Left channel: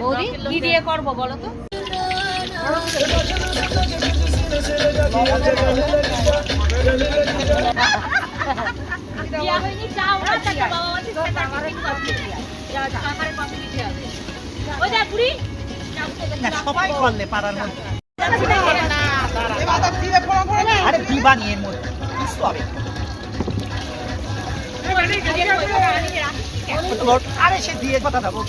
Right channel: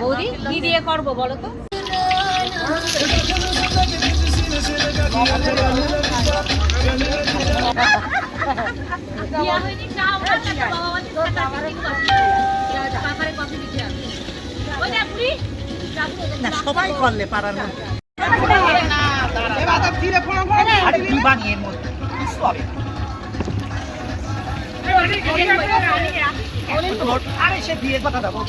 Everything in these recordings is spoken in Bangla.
বৌদি কি দিয়ে করবো বলো তো? সবাই করলে পাড়ার মধ্যে আরে কি বানিয়ে এর মধ্যে কিছু হবে আরে সে দিয়ে কথা দেবো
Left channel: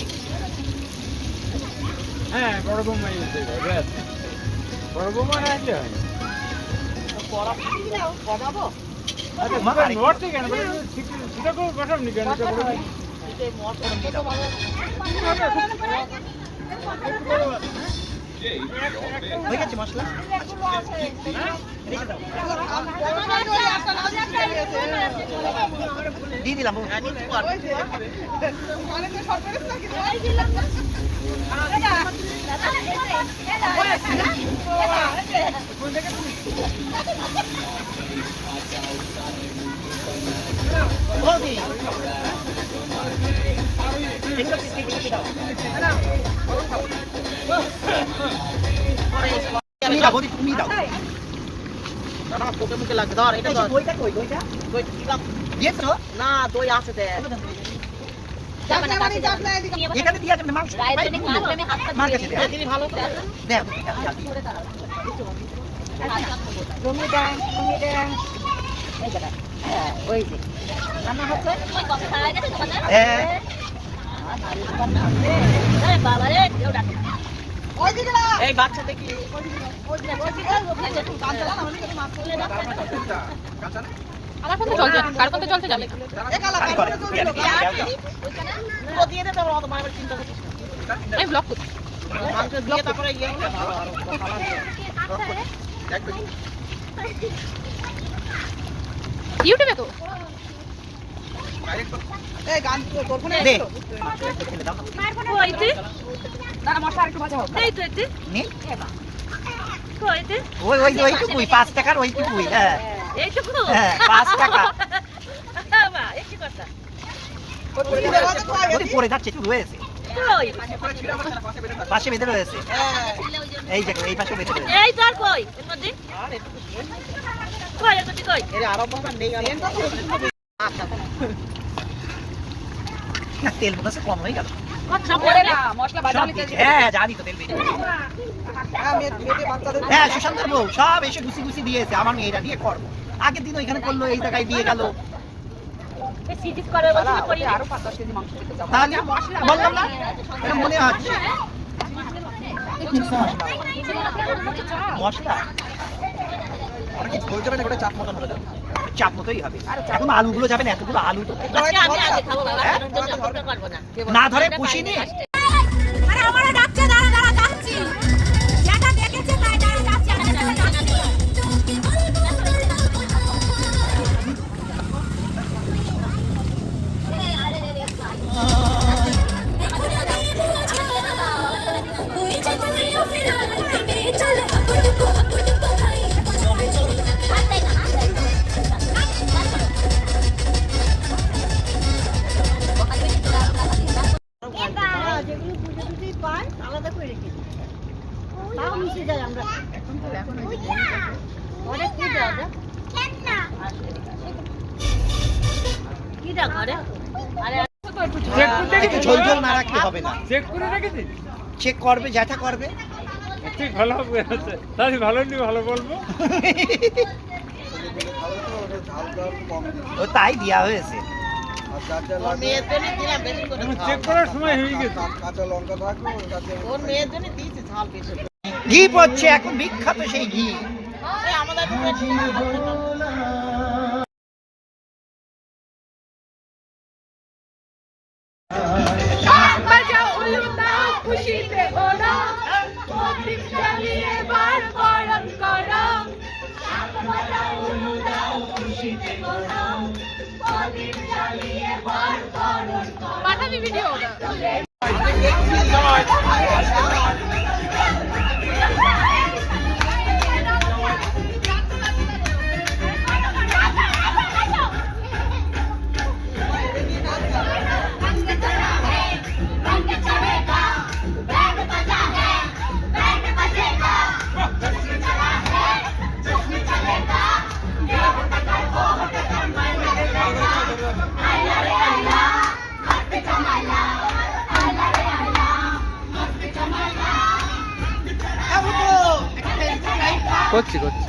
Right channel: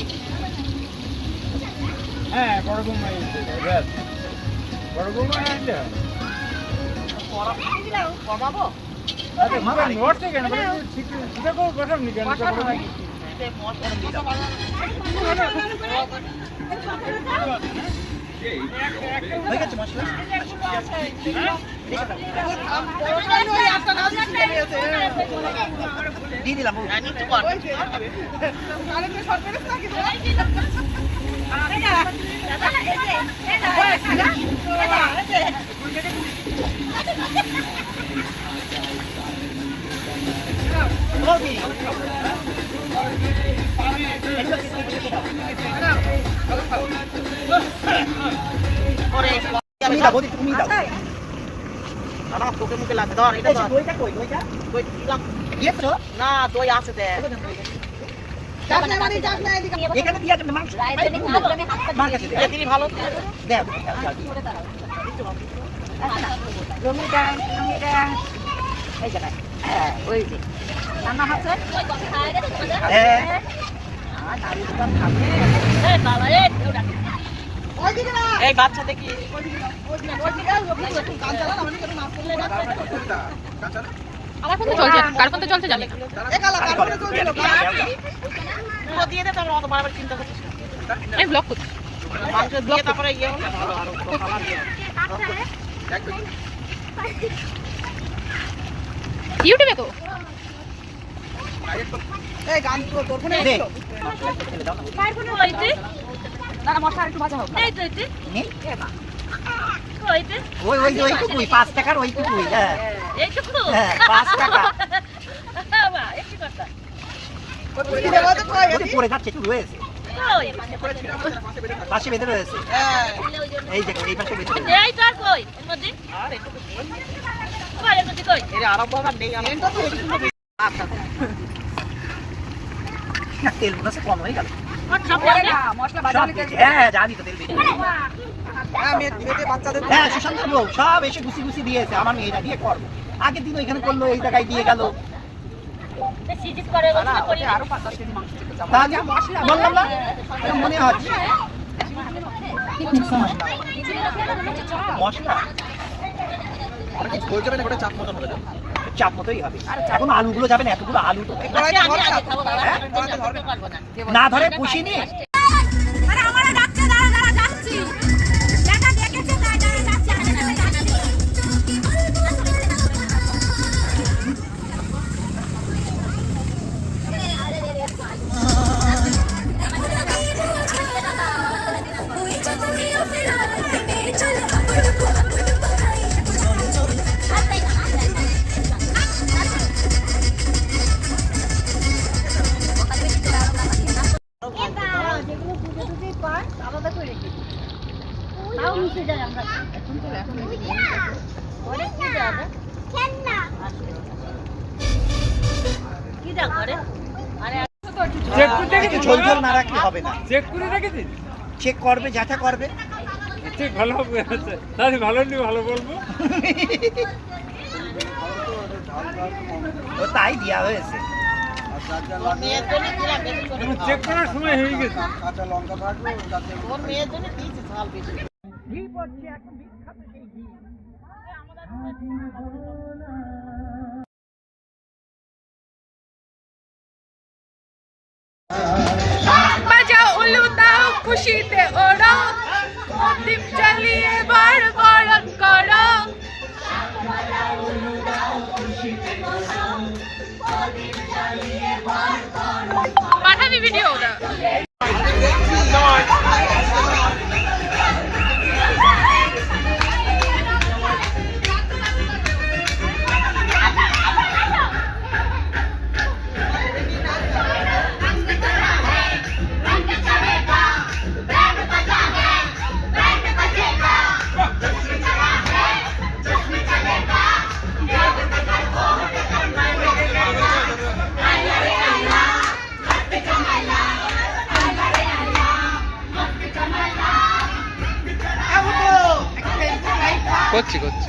হ্যাঁ বড় বৌমা বড় বৌমা আছে হয়ে গেছে মশলা দিয়ে দিলাম তুমি দাও তোকে মুখে লাগ ধর এটা দইটা কই দইটা দইটা কি লাগ দিয়েছো না দই আছে দে এখানে দিয়ে যাবে মাংস মার কাছে দে দিলি ভালো দে জমিটা এই জায়গা হ্যাঁ ওই যে রান্না হচ্ছে হ্যাঁ এই বাচ্চা দেখি কার কোনটা চলছে জানে দিয়ে দে তোমার চিন্তা করছিস এই ব্লক করছি ব্লক করে ইয়ে ইউটিউবে তো এই গান তোর ফোনে দে না না মশলা একটু ভাজা হোক এই তো এতে নে ওই ওই ওইটুকুই 5 টাকার ওইটুকুই হ্যাঁ এইটুকু হ্যাঁ 5 টাকা বাবা একটু কথা পড়ে যাচ্ছে একটু রয়েছে পাশে বেঁধে রয়েছে এই জায়গায় এই পাশে বেঁধে রয়েছে এই তার কই এর মধ্যে আর একটু কই এর মধ্যে কই এর আরো বাবা নেই এন্ডটা তো এরকম হবে তেল মনে কম হয়ে গেল মশলা বাজা হলে হ্যাঁ জানি তো তেল বেশি হ্যাঁ মেয়েতে বাচ্চাদের হ্যাঁ সুশান্ত বউ সব এসে গুছি গুছি দিয়েছে আমার মেয়েটা দিয়ে কর আগের দিন ওইখানে করলো এই জায়গায় দিয়ে গেল সিজিস করে করি আরো 5-10 কেজি মাংস দিতে যাব তাহলে মশলা বললাম না মনে আছে মশলা ওটা কি হয়ে যাবে না ওটা চাপ মতন হয়ে যাবে চাপ মতোই হবে এখন আলুগুলো যাবে না এতগুলো আলু তো না ধরে পুষি নিয়ে চেক করবে যেটা করবে ঠিক ভালো হবে তাহলে ভালো নি ভালো বলবো তাই দেওয়া হয়েছে চেক করার সময় হয়ে গেছে ঘি পড়ছে এখন বিখ্যাত সেই ঘি বাজাও উলু দাও খুশিতে ওড়ো দীপ জ্বালিয়ে বার বরণ করো পাঠাবি ভিডিওটা। করছি করছি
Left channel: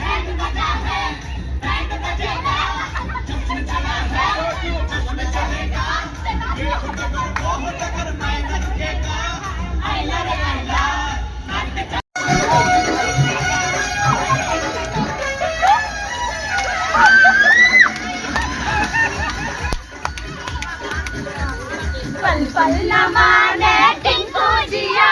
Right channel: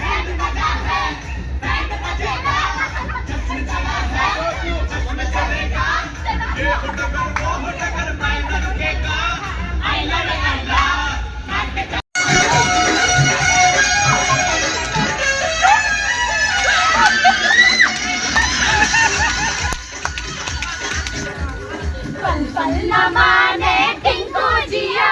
पल पल न माने टिंकू जिया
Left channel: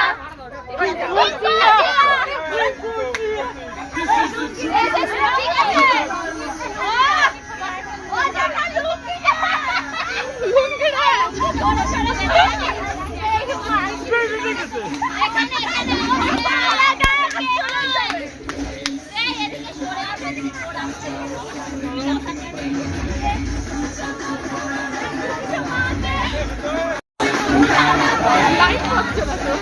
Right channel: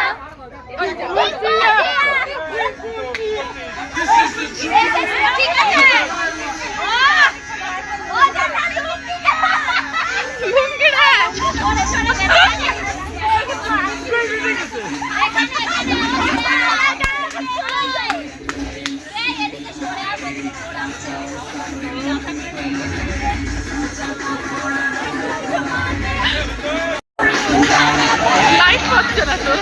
লাইট হচ্ছে না তো।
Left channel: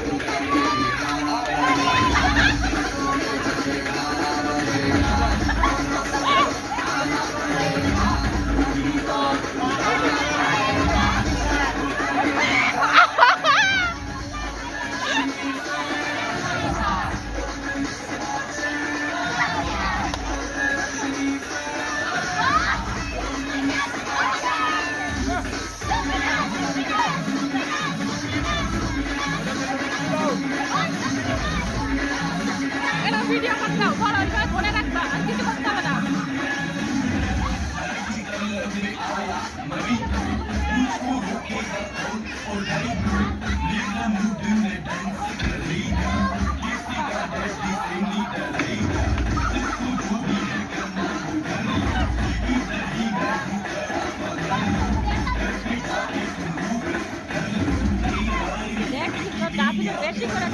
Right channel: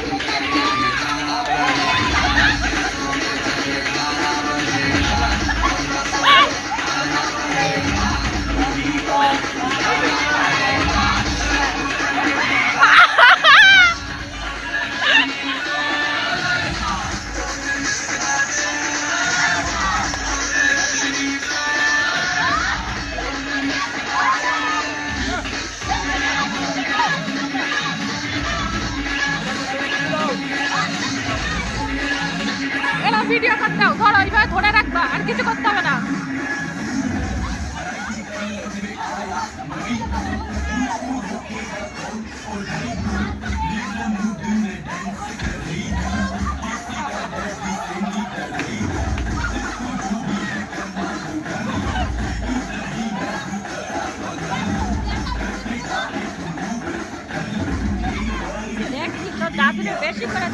ভিডিও করতে দাও, ধরো এইভাবে ধরে রাখবা, আর কিছু করতে হবে না। দেখ, দাঁত বেশি করে